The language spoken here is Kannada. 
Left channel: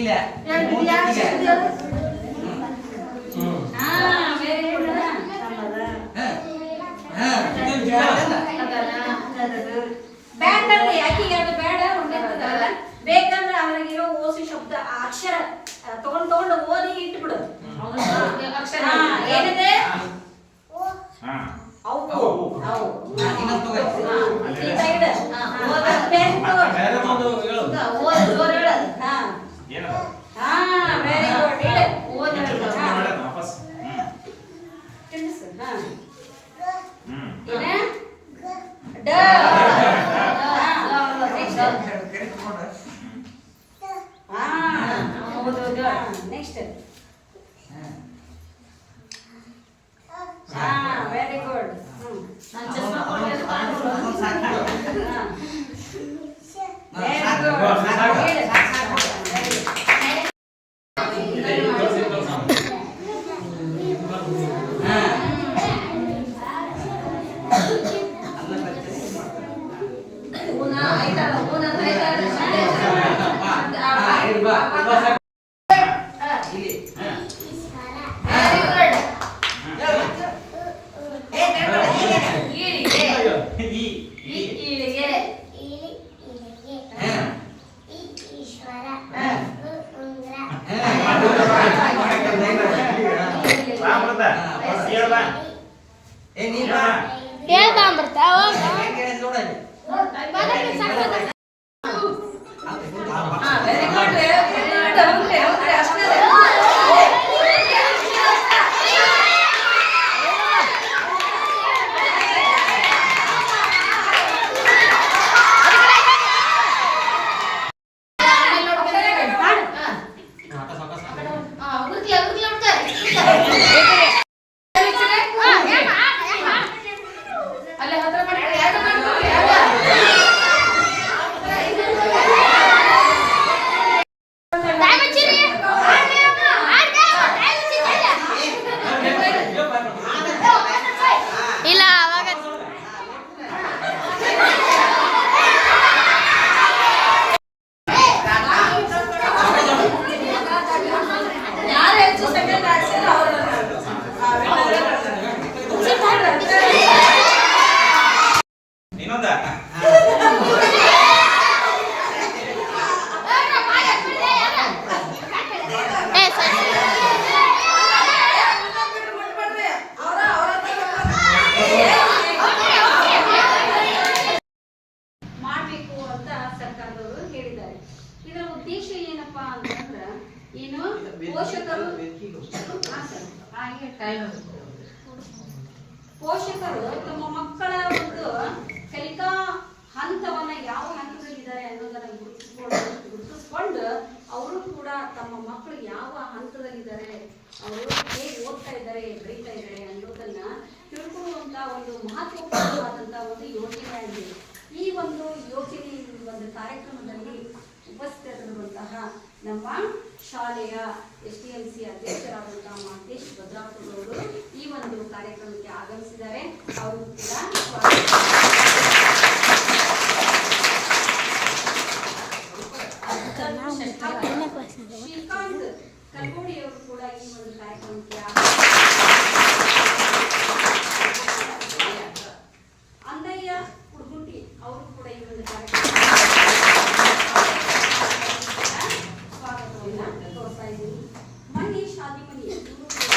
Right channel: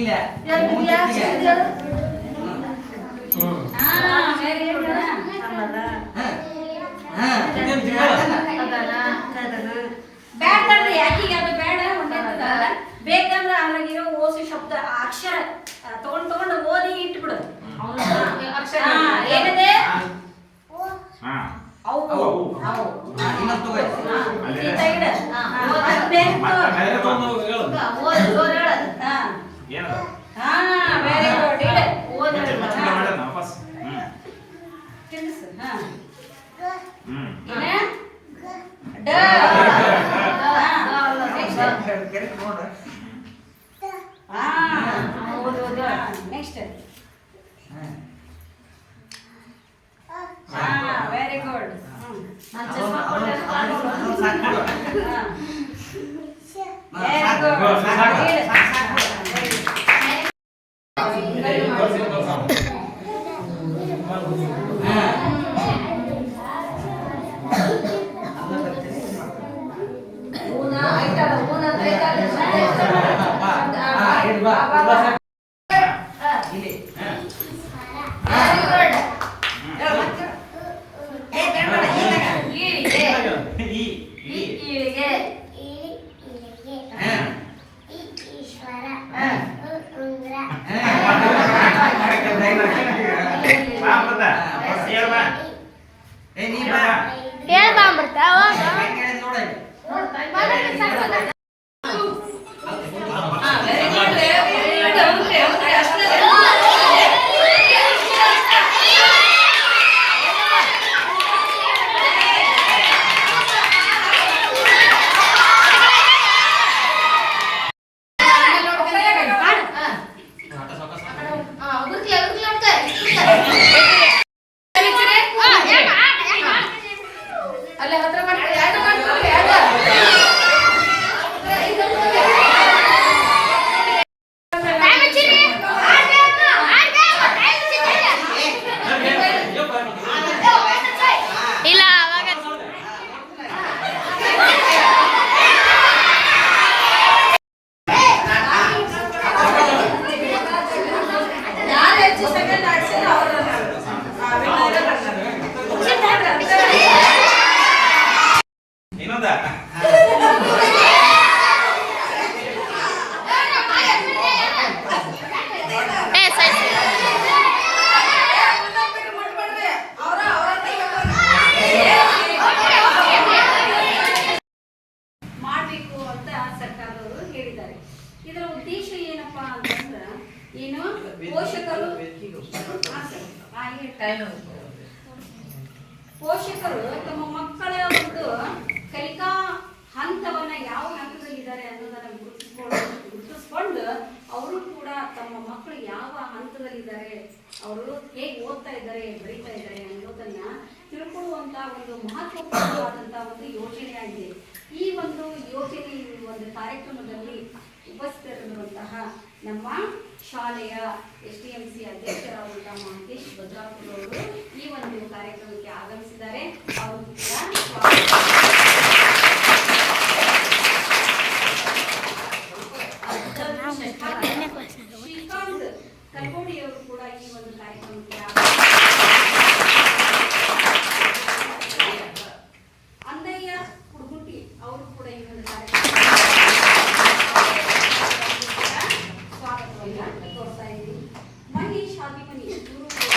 ಇಲ್ಲ ಬೇಡ್ರಿ ಯಾಕೀಗ ಅದು ಬೇಡ ಉಂಟಲ್ಲ ಬೇಕಂದ್ರೆ ಅಲ್ಲಿರೋ ಓಸಿ ಶಬ್ದ ಅಕ್ಷರ ತಗೊಂಡು ಓದಿ ಇಟ್ಬಿಡು ಅಕ್ಷರ ಏನಿದೆ ನೆಕ್ಸ್ಟ್ ವೆರಿ ಗುಡ್ ಪೋಷಕರು ತಮ್ಮ ಮಕ್ಕಳ ಒಂದು ಕಲಿಕಾ ಹಂತವನ್ನ ಯಾವ ಹಂತದಲ್ಲಿದ್ದಾರೆ ಅನ್ನೋದನ್ನ ಗುರುತಿಸ್ಕೊಂಡು ಅವರು ಕೂಡ ತಮ್ಮ ಮಕ್ಕಳು ಯಾವ ಹಂತದಲ್ಲಿದ್ದಾರೆ, ಅವರು ಹೇಗೆ ಓದ್ತಾ ಇದ್ದಾರೆ, ಬರೀತಾ ಇದ್ದಾರೆ ಅನ್ನೋದನ್ನ ತಿಳ್ಕೊಳ್ಳುವಂತ ಒಂದು ಮಹತ್ವಪೂರ್ಣವಾದಂತ ಒಂದು ಯೋಜನೆಯಾಗಿದೆ. ಈ ಒಂದು ಯೋಜನೆ ಒಂದು ಕಾರ್ಯಕ್ರಮದಲ್ಲಿ ಉಪಸ್ಥಿತರಿರುವಂತಹ ನಮ್ಮ ಶಾಲೆಯ STMC ಅಧ್ಯಕ್ಷರಾದಂತಹ ಮಹೇಶ್ ಭದ್ರಾಪುರ ಅವರು ಈ ಒಂದು ಕಾರ್ಯಕ್ರಮಕ್ಕೆ ಆಗಮಿಸಿದ್ದಾರೆ. ಅವರು ಕೂಡ ಶ್ರೀಕಾಂತ್ ಕಲ್ಕೋಡಿ ಅವರು ಕೂಡ ಈ ಒಂದು ಕಾರ್ಯಕ್ರಮಕ್ಕೆ ಅಂದಯ್ಯ ಕುಡ್ಗುಂಟಿ ಅವರು ಕೂಡ ಈ ಒಂದು ಕಾರ್ಯಕ್ರಮ ಸ್ವಾಗತವನ್ನ ತೋರ್ತಾ ಇದ್ದೀವಿ. ಮಹೇಶ್ ಆದಿಮನಿ ಇವರು